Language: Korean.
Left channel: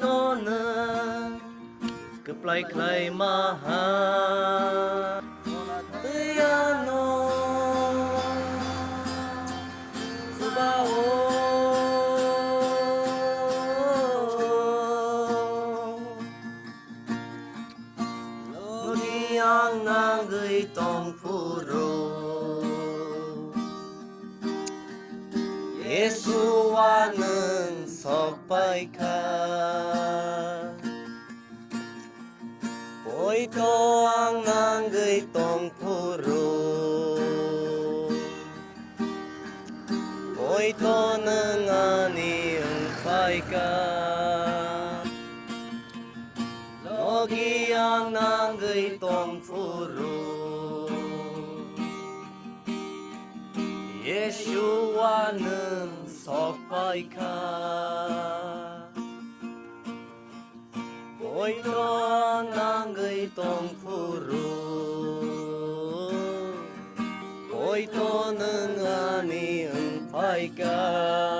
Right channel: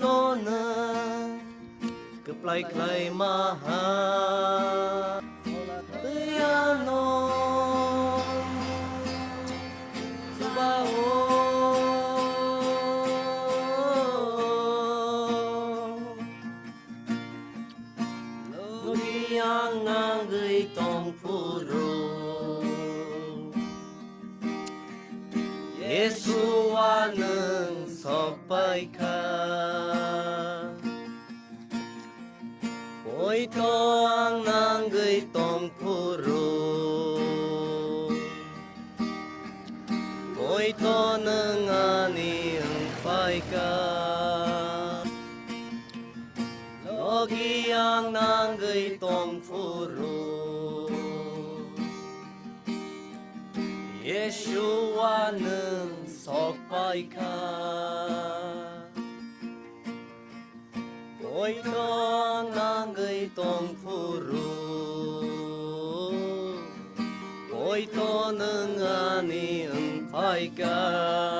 너는 끝발 카이마하 야노 너기 양강의 동푸로 예수와는 석바이카 오이토 앙낭의 동푸로 오이토는 아니 은파이카 너기 앙낭의 동푸로 예수와는 석바이카 오이토 앙낭의 동푸로 오이토는 아니 은파이카